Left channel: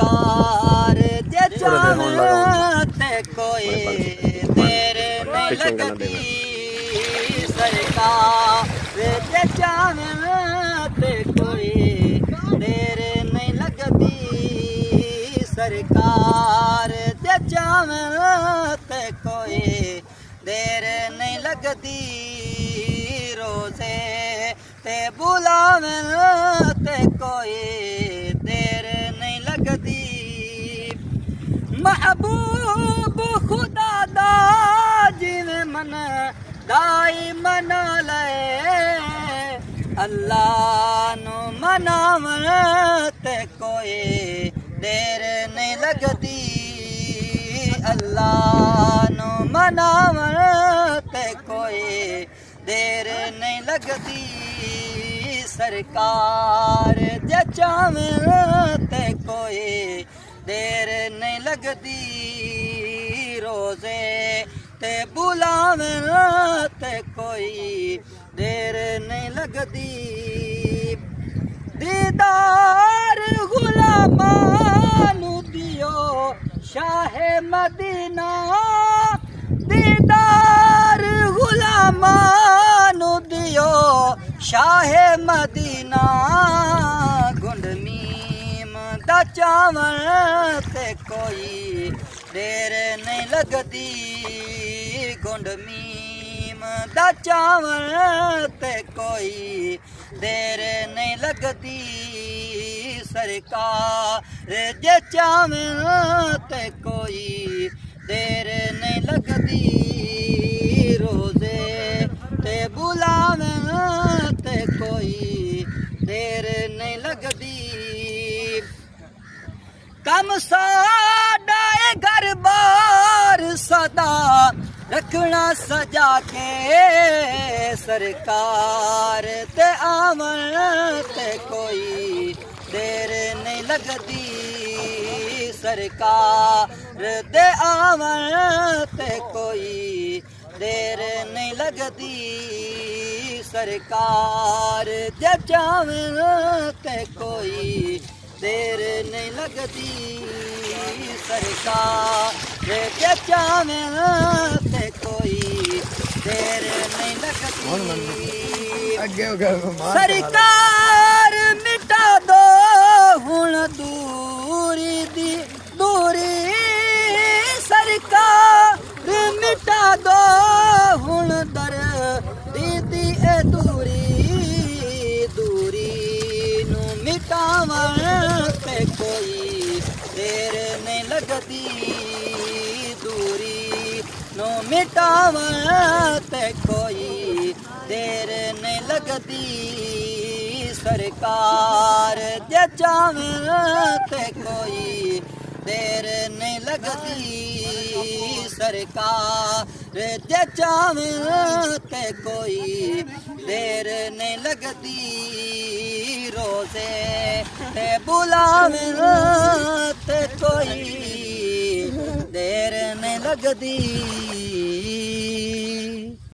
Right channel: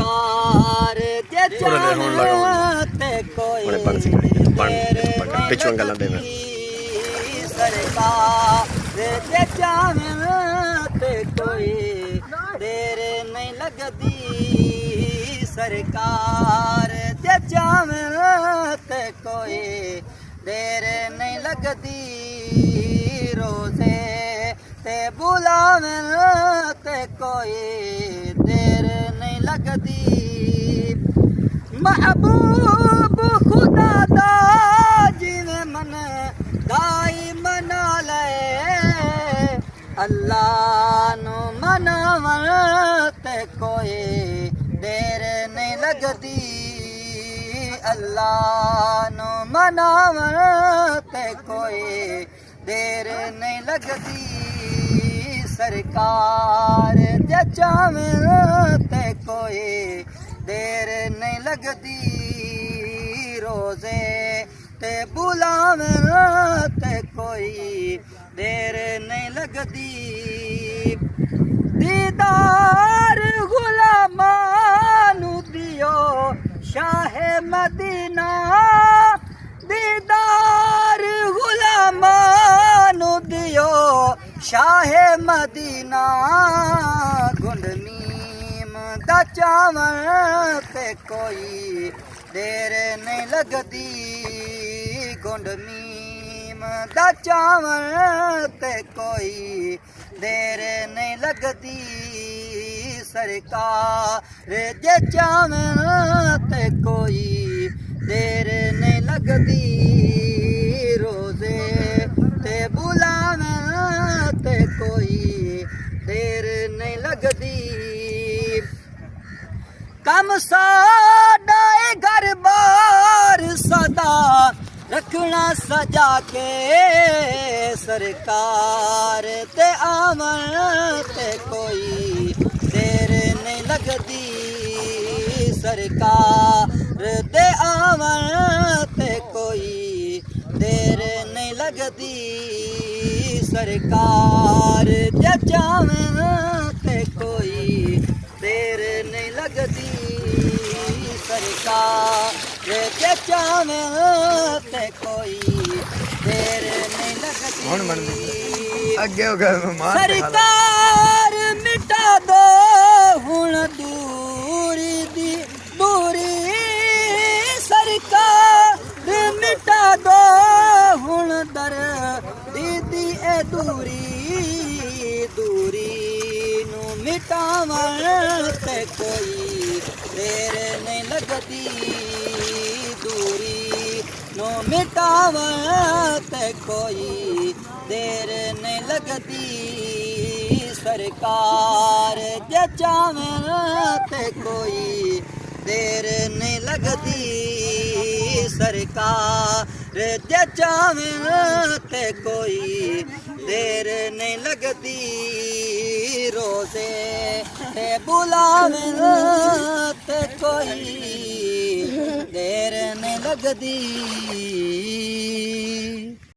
सरकार जे चाहवे ते कोई तेरे नहीं लगदी सरकार जे चाहवे ते कोई तेरे नहीं लगदी सरकार जे चाहवे ते कोई देर नहीं लगदी रोज़े ते बुलावे ते कोई देर नहीं लगदी महबूब खुदा दा जिवें मन दाई मना ले अल्लाह नू मनावन ते कोई देर नहीं लगदी अल्लाह नू मनावन ते कोई देर नहीं लगदी सरकार जे चाहवे ते कोई देर नहीं लगदी रोज़े ते बुलावे ते कोई देर नहीं लगदी दीदार गुलामां नू दियो शाह मदीना दीदार गुलामां नू दियो शाह मदीना गुंड मीम दा चावल ते कोई देर नहीं लगदी गुंड मीम दा चावल ते कोई देर नहीं लगदी सरकार जे चाहवे ते कोई देर नहीं लगदी रोज़े ते बुलावे ते कोई देर नहीं लगदी कम साडा घर बार सदा रखना सजा के सरकार ते आवन ते कोई देर नहीं लगदी सरकार ते आवन ते कोई देर नहीं लगदी सरकार जे चाहवे ते कोई देर नहीं लगदी सरकार जे चाहवे ते कोई देर नहीं लगदी सरकार मिटा दो हुण दूरी दी दूरी सरकार मिटा दो हुण दर दी ए दूरी दूरी नू मिटावन ते कोई देर नहीं लगदी दूरी नू मिटावन ते कोई देर नहीं लगदी सरकार जे चाहवे ते कोई देर नहीं लगदी सरकार जे चाहवे ते कोई देर नहीं लगदी रोज़े ते बुलावे ते कोई देर नहीं लगदी।